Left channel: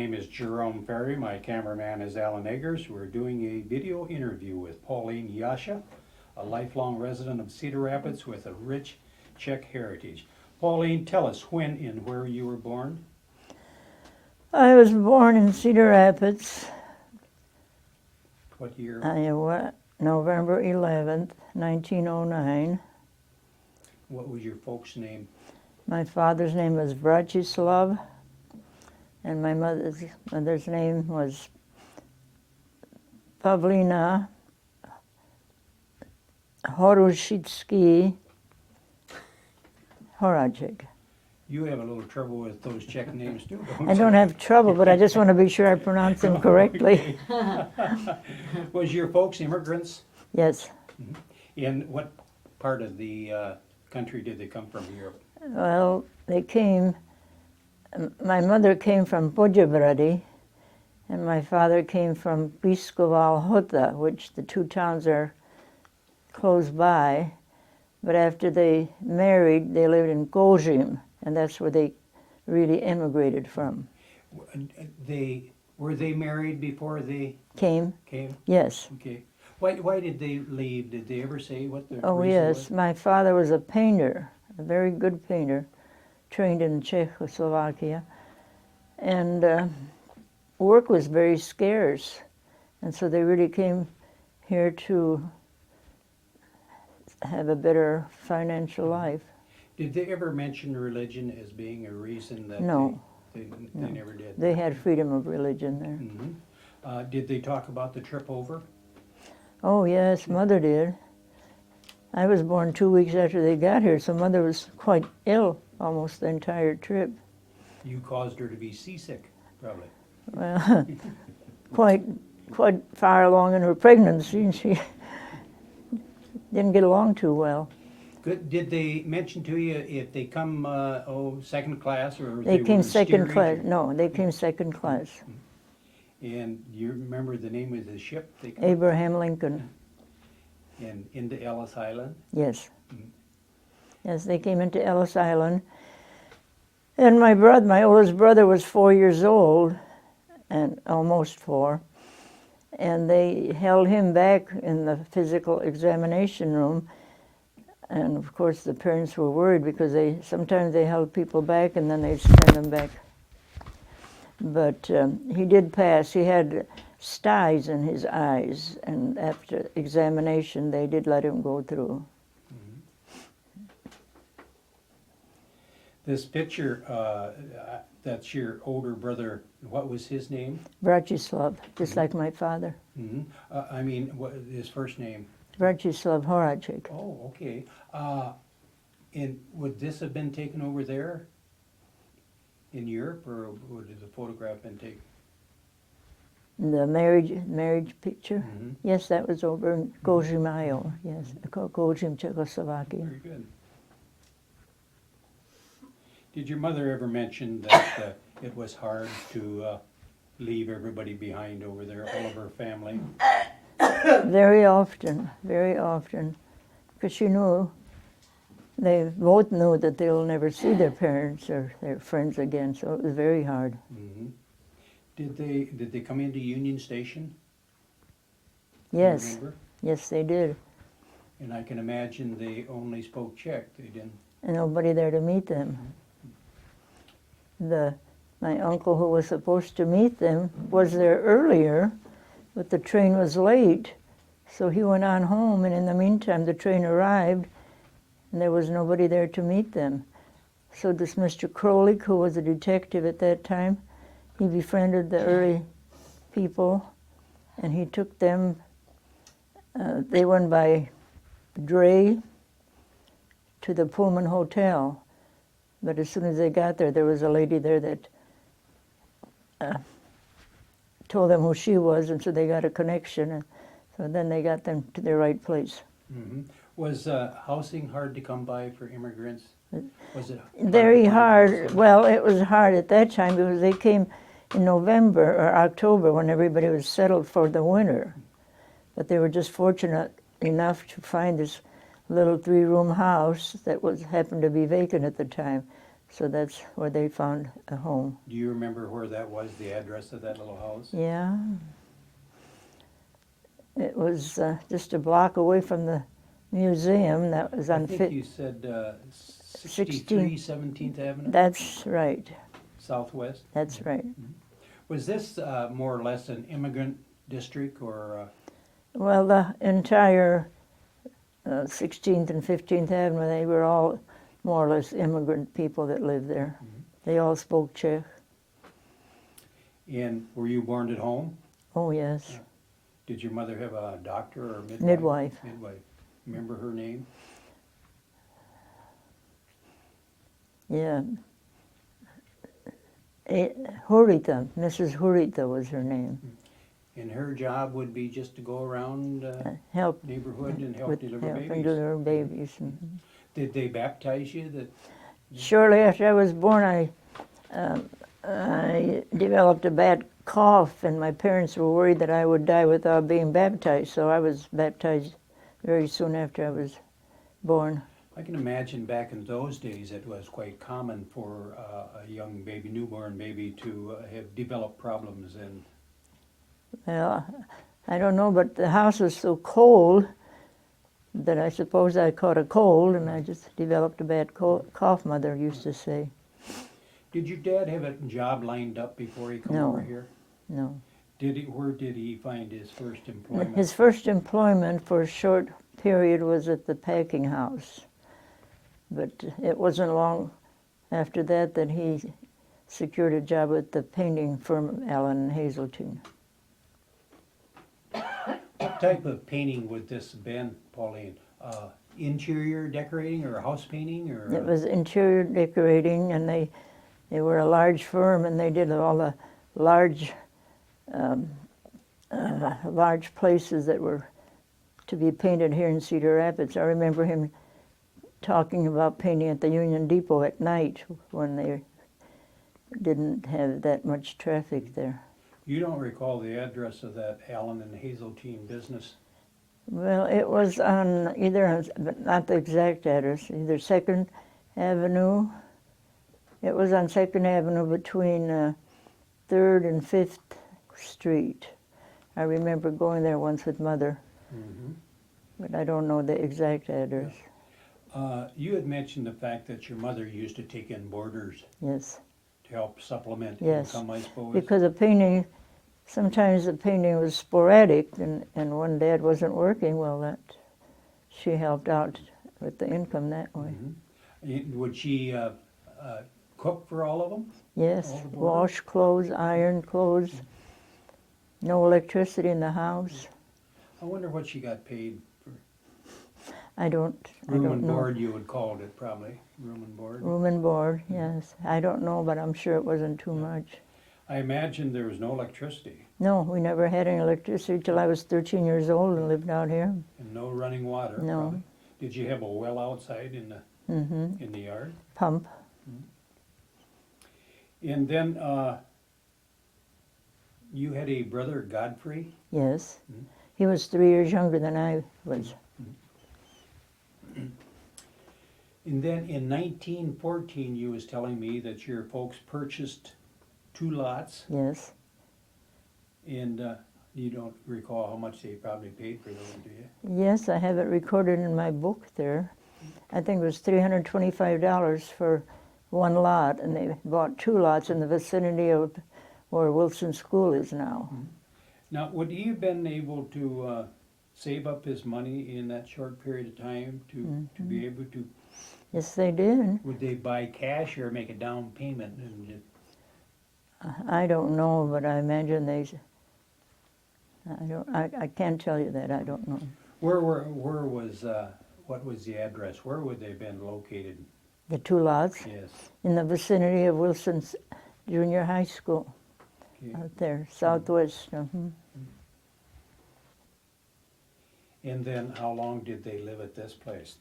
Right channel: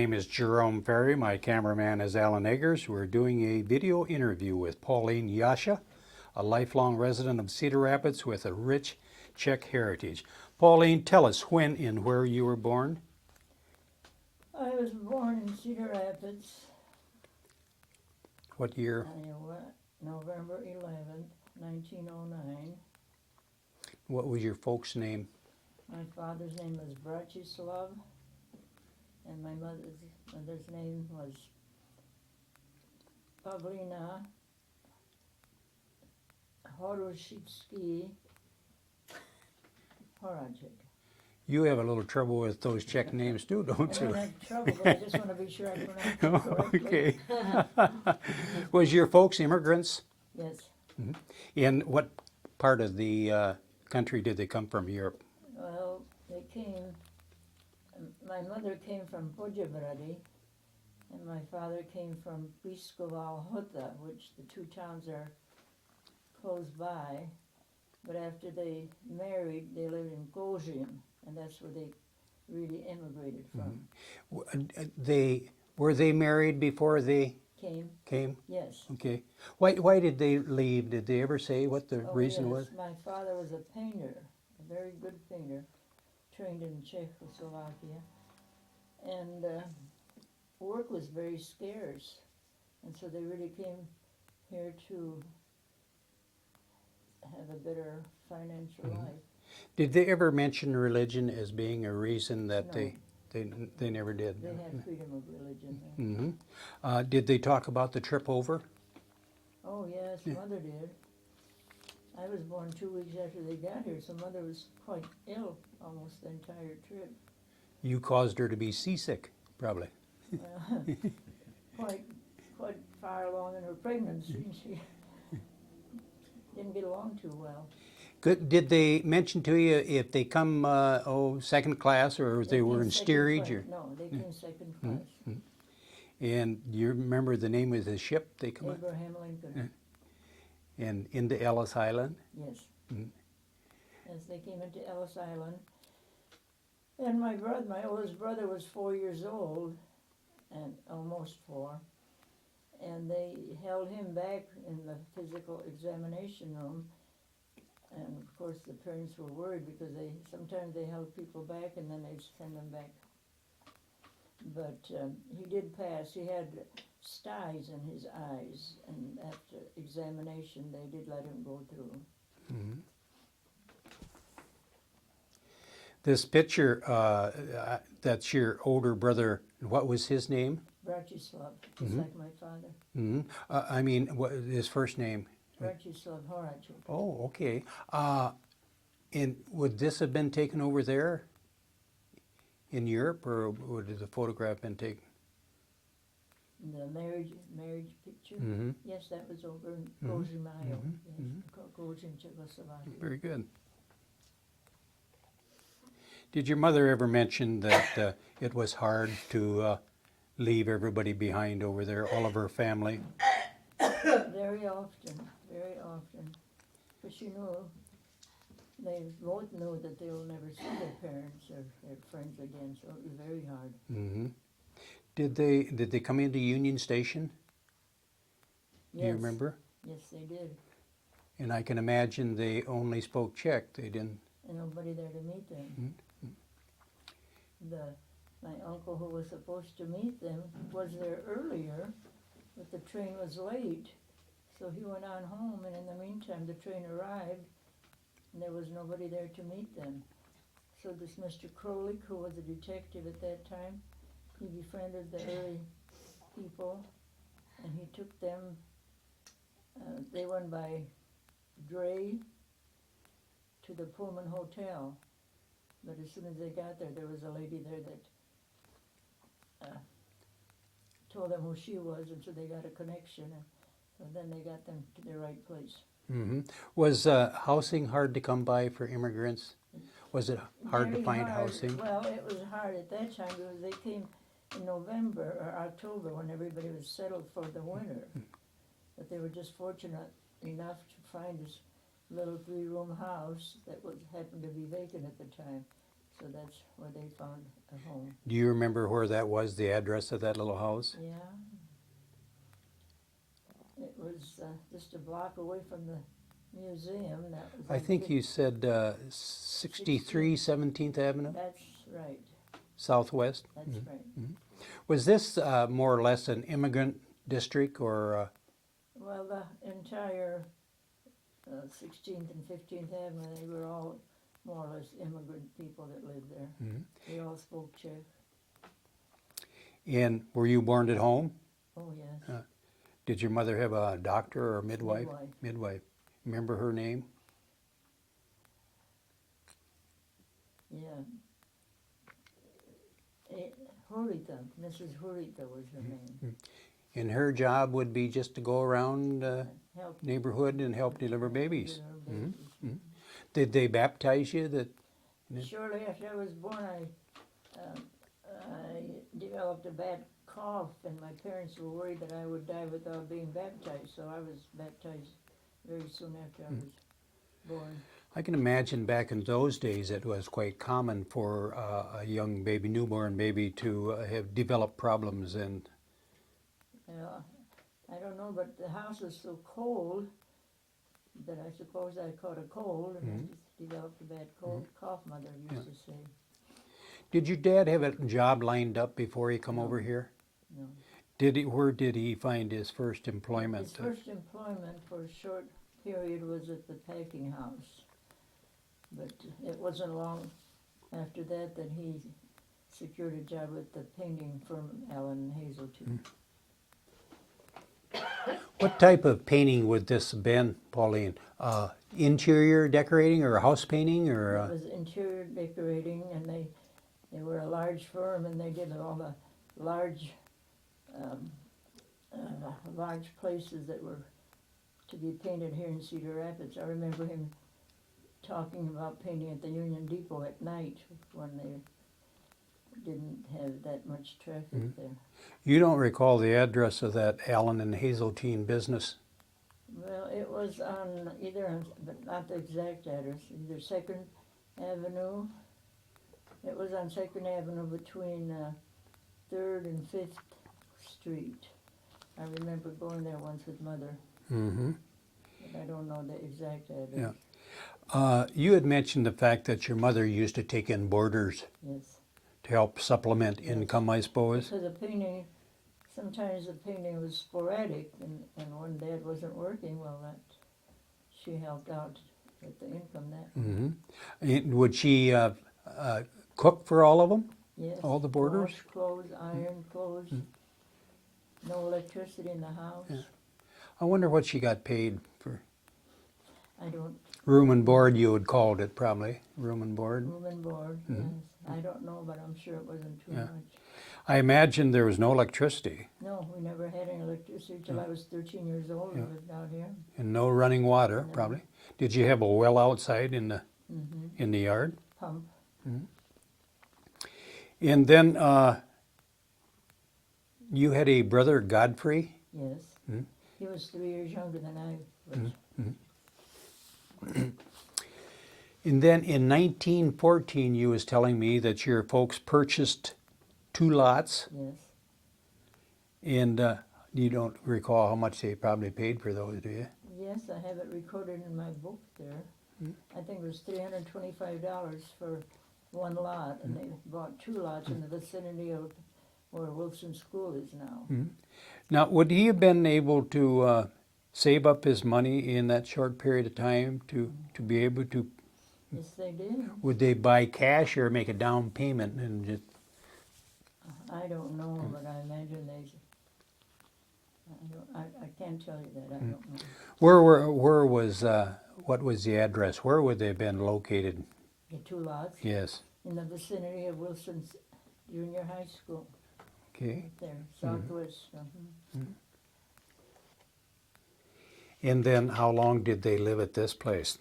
My name is Jerome Ferry. My cameraman is Alan Eggers. We're doing a video interview with Pauline Jasa, a lifelong resident of Cedar Rapids with a rich Czech heritage. Pauline, tell us when and where you were born. I was born in Cedar Rapids, What year? Iowa, November 11th, 1909. What was your folks' name? My father's name was Bratislav, and my mother's name was Pavlina Horušitsky Horacek. You have a little trouble with those Czech names too, don't you? I don't have trouble, but I just want to be sure I pronounce them correctly. Okay. Was your folks immigrants? Yes. In what part of the country did they come from, Europe? Well, my mother came from Poděbrady, and my father came from Písková Lhota, which the two towns are close by. But after they married, they lived in Kožim, and that's where they really immigrated from. Were they married before they Came? Yes. Okay. Why did they leave? Did they ever say what the Oh, reason yes. was? My father was a painter, a very good painter, trained in Czechoslovakia. And work was very scarce. And so they really came here to have a better financial life. Did they ever mention religion as being a reason that No. they never did? They had freedom of religion there. Mm-hmm. Did they talk about the trip over? Oh, yes, Mother did. I was born 2 weeks after they got here, so Mother was quite ill almost the entire trip. You caused her to be seasick, probably. Well, quite far along in her pregnancy, and she didn't get along too well. Good. Did they mention to you if they come, second class, or if They they were came in second steerage? class. No, they came second class. And you remember the name of the ship they come Abraham Lincoln. and into Ellis Island? Yes. Mhm. Yes, they came into Ellis Island. And my oldest brother was 4 years old, and almost 4. And they held him back in the physical examination room. And of course the parents were worried because sometimes they held people back and then they'd send them back. But he did pass. He had styes in his eyes, and after examination they did let him go through. Mm-hmm. This picture, that's your older brother. What was his name? Bratislav, just like my father. Mm-hmm. I mean, what his first name? Bratislav Horacek. Oh, okay. And would this have been taken over there in Europe, or would the photograph been taken? The marriage picture? Mm-hmm. Yes, that was over in Kožim, Iowa. Yes, Kožim, Czechoslovakia. Very good. Did your mother ever mention that it was hard to leave everybody behind over there, all of her family? Very often, because she knew, they both knew that they'll never see their parents or their friends again, so it was very hard. Mm-hmm. Did they come into Union Station? Yes, You remember? yes, they did. And I can imagine they only spoke Czech. They didn't. And nobody there to meet them. My uncle, who was supposed to meet them, was there earlier, but the train was late, so he went on home, and in the meantime the train arrived, and there was nobody there to meet them. So this Mr. Krolik, who was a detective at that time, he befriended the early people, and he took them, they went by dray to the Pullman Hotel. But as soon as they got there, there was a lady there that told them who she was, and so they got a connection, and so then they got them to the right place. Mm-hmm. Was housing hard to come by for immigrants? Was it hard Very to find hard. housing? Well, it was hard at that time because they came in November or October when everybody was settled for the winter. But they were just fortunate enough to find this little 3-room house that happened to be vacant at the time. So that's where they found a home. Do you remember where that was, the address of that little house? Yeah. It was just a block away from the museum. That was I on think you said 63 17th Avenue, That's right. Southwest. That's right. Was this more or less an immigrant district, or Well, the entire 16th and 15th Avenue, they were all more or less immigrant people that lived there. They all spoke Czech. and were you born at home? Oh, yes. Did your mother have a doctor or midwife? Midwife. Midwife. Remember her name? Yeah. Hurita, Mrs. Hurita was her name. And her job would be just to go around Help neighborhood and help deliver helping babies. deliver babies. Did they baptize you? That Shortly after I was born, I developed a bad cough, and my parents were worried that I would die without being baptized. So I was baptized very soon after I was born. I can imagine back in those days it was quite common for a young baby, newborn baby, to have developed problems. And Well, I don't know, but the house was so cold that I suppose I caught a cold, and I just developed a bad cough, Mother used to say. did your dad have a job lined up before he come No. over here? No. Where did he find his first employment? His first employment for a short period was at the packing house. But it wasn't long after that that he secured a job with the painting firm Allen and Hazeltine. What type of painting would this have been, Pauline? Interior decorating or house painting, or It was interior decorating, and they were a large firm, and they did all the large large places that were to be painted here in Cedar Rapids. I remember him talking about painting at the Union Depot at night when they didn't have that much traffic there. You don't recall the address of that Allen and Hazeltine business? Well, it was on but not the exact address, either 2nd Avenue. It was on 2nd Avenue between 3rd and 5th Street. I remember going there once with Mother, but I don't know the exact address. You had mentioned the fact that your mother used to take in boarders Yes. to help supplement Yes. income, I suppose. Because the painting, sometimes the painting was sporadic, and when Dad wasn't working, well, that she helped out with the income that way. Would she cook for all of them? Yes, All the boarders? wash clothes, iron clothes, no electricity in the house. I wonder what she got paid for. I don't Room know. and board, you would called it probably. Room and board. Room and board, yes. I don't know, but I'm sure it wasn't too much. I imagine there was no electricity No, we never had any electricity till I was 13 years old and lived out here. and no running water, No. probably. Did you have a well outside in the yard? Pump. And then you had a brother, Godfrey. Yes. He was 3 years younger than I was. And then in 1914, you was telling me that your folks purchased 2 lots, Yes. and you don't recall how much they probably paid for those, do you? Yes, I have it recorded in my book there. I think it was $325 for one lot, and they bought 2 lots in the vicinity of where Wilson School is now. Now, would he have been able to save up his money in that short period of time to be able to? Yes, they did. Would they buy cash or make a down payment and just? I don't know, but I imagine I can't tell you that. I don't know. Where was what was the address? Where would they have been located? The 2 lots Yes. in the vicinity of Wilson's Junior High School, Okay. out there, southwest. And then how long did they live at this place?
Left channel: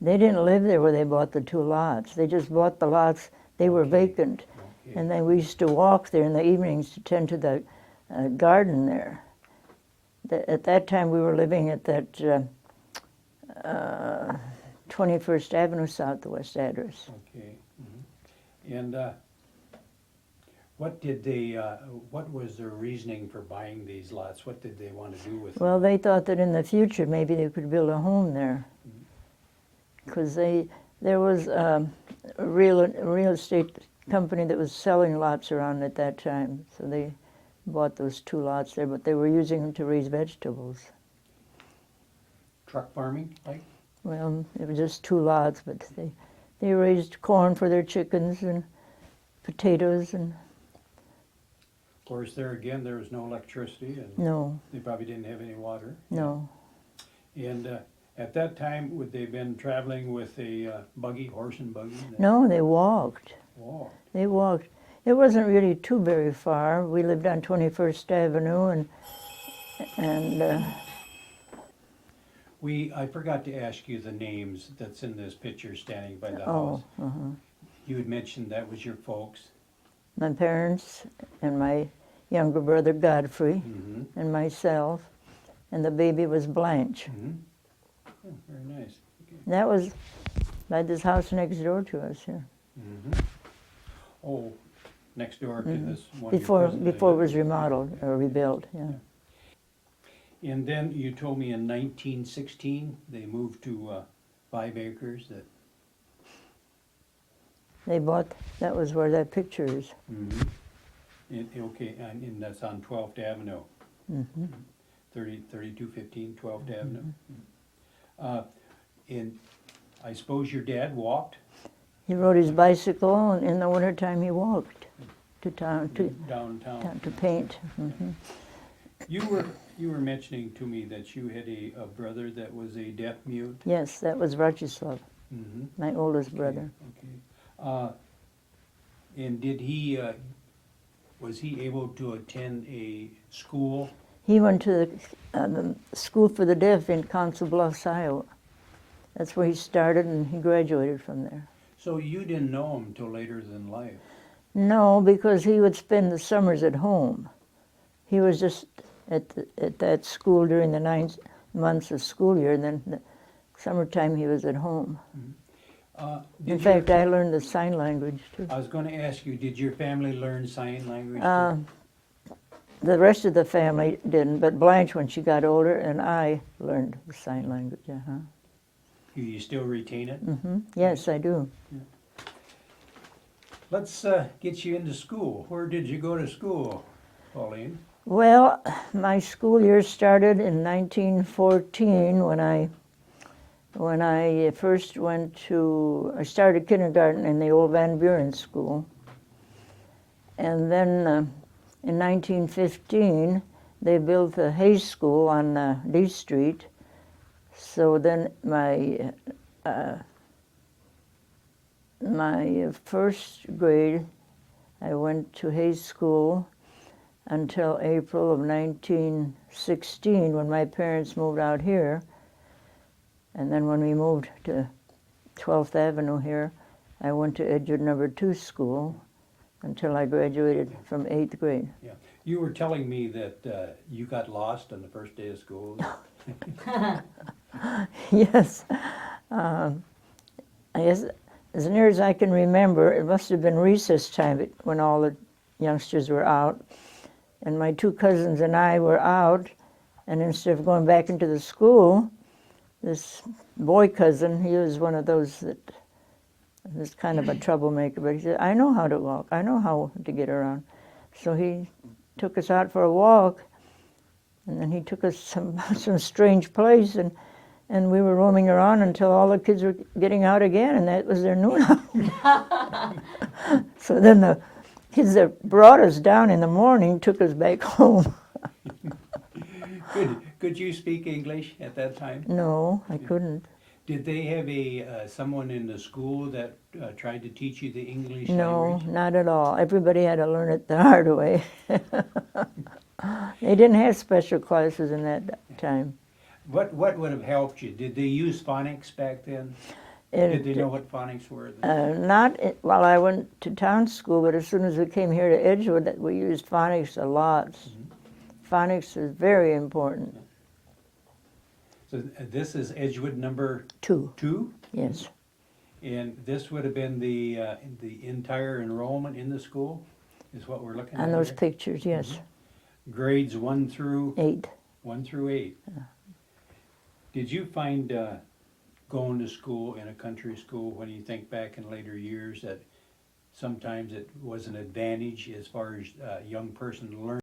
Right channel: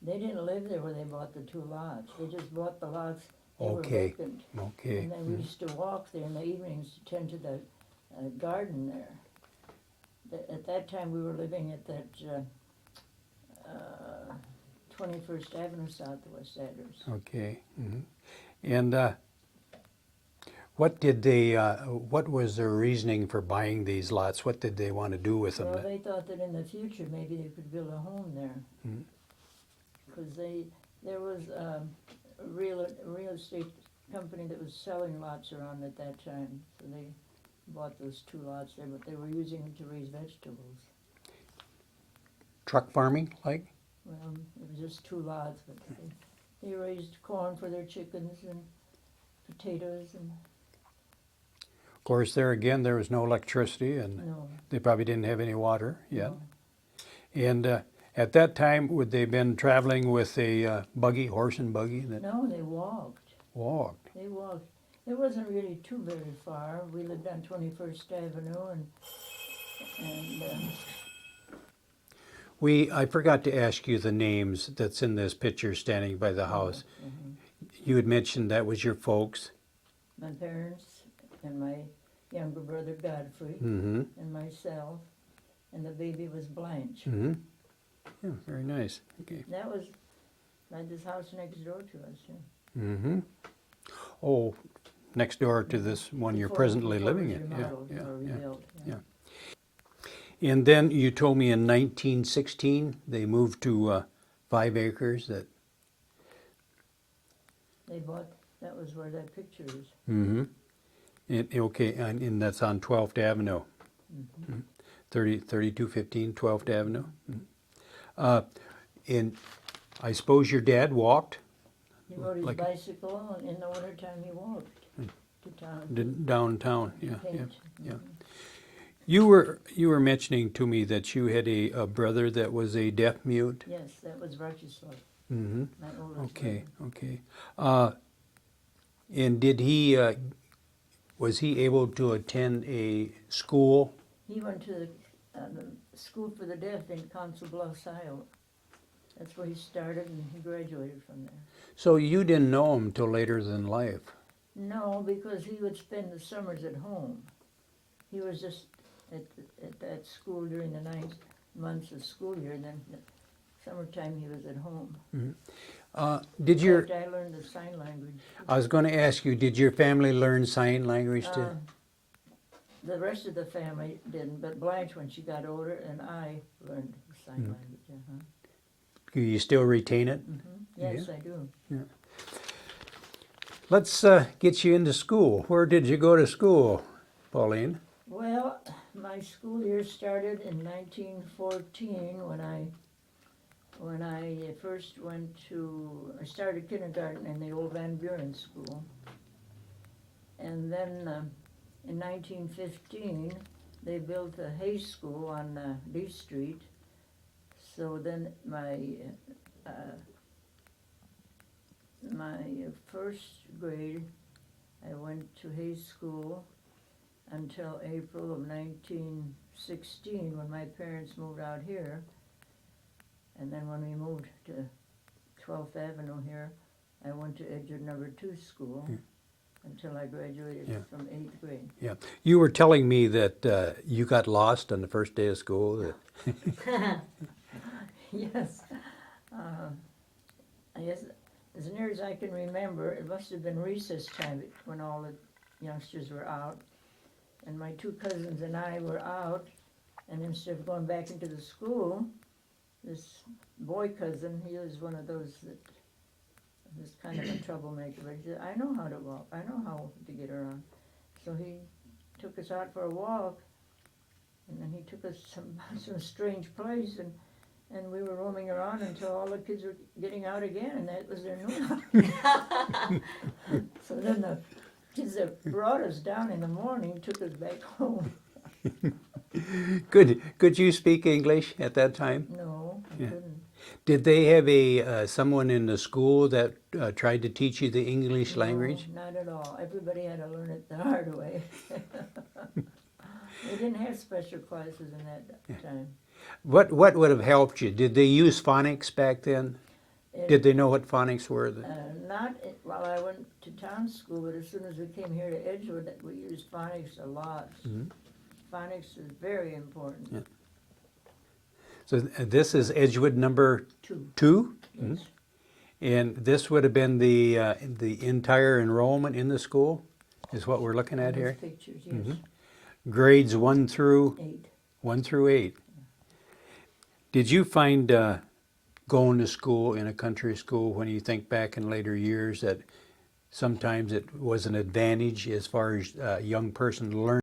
They didn't live there where they bought the 2 lots. They just bought the lots. They were Okay. vacant. Okay. And then we used to walk there in the evenings to tend to the garden there. At that time, we were living at that 21st Avenue Southwest address. Okay. And what did they? What was their reasoning for buying these lots? What did they want to do with them? Well, they thought that in the future maybe they could build a home there, because there was a real estate company that was selling lots around at that time, so they bought those 2 lots there, but they were using them to raise vegetables. Truck farming, like? Well, it was just 2 lots, but they raised corn for their chickens and potatoes and Of course, there again, there was no electricity, and no, they probably didn't have any water. no. And at that time, would they been traveling with a buggy, horse and buggy? No, they walked. Walked. They walked. It wasn't really too very far. We lived on 21st Avenue, and I forgot to ask you the names that's in this picture standing by the house. You had mentioned that was your folks. my parents and my younger brother Godfrey Mm-hmm. and myself, and the baby was Blanche. Mm-hmm. Yeah, very nice. Okay. That was by this house next door to us here. Mm-hmm. Oh, next door to this one you're Before presently it was living in. remodeled Yeah, or rebuilt. Yeah. yeah. And then you told me in 1916 they moved to 5 acres. They bought. That was where that picture is. Mm-hmm. Okay, and that's on 12th Avenue. Mm-hmm. 3215 12th Avenue. And I suppose your dad walked He rode his Like- bicycle, and in the wintertime he walked to town downtown. to Yeah, paint. yeah. Mhm. You were mentioning to me that you had a brother that was a deaf mute. Yes, that was Rochislav, Mm-hmm. my oldest Okay, brother. okay. And did was he able to attend a school? He went to the school for the deaf in Council Bluffs, Iowa. That's where he started, and he graduated from there. So you didn't know him till later in life. No, because he would spend the summers at home. He was just at that school during the 9 months of school year, and then the summertime he was at home. Did In fact, I learned the sign language too. I was going to ask you, did your family learn sign language too? The rest of the family didn't, but Blanche, when she got older, and I learned the sign language. Do you still retain it? Yes, I do. Let's get you into school. Where did you go to school, Pauline? Well, my school year started in 1914 when I first I started kindergarten in the old Van Buren School. And then in 1915, they built the Hay School on D Street. So then my first grade, I went to Hay School until April of 1916 when my parents moved out here. And then when we moved to 12th Avenue here, I went to Edgewood No. 2 school until I graduated from 8th grade. Yeah. You were telling me that you got lost on the first day of school. Yes. I guess as near as I can remember, it must have been recess time when all the youngsters were out. And my 2 cousins and I were out, and instead of going back into the school, this boy cousin, he was one of those that was kind of a troublemaker, but he said, I know how to walk, I know how to get around. So he took us out for a walk, and then he took us some strange place, and we were roaming around until all the kids were getting out again, and that was their noon hour. So then the kids that brought us down in the morning took us back home. Could you speak English at that time? No, I couldn't. Did they have someone in the school that tried to teach you the English language? No, not at all. Everybody had to learn it the hard way. They didn't have special classes in that time. What would have helped you? Did they use phonics back then? Did they know what phonics were? Not while I went to town school, but as soon as we came here to Edgewood, we used phonics a lot. Phonics is very important. So this is Edgewood number 2. 2? Yes. And this would have been the entire enrollment in the school, is what we're looking On at those here. pictures, yes. Grades 1 through 8. 8. Did you find going to school in a country school, when you think back in later years, that sometimes it was an advantage as far as a young person learning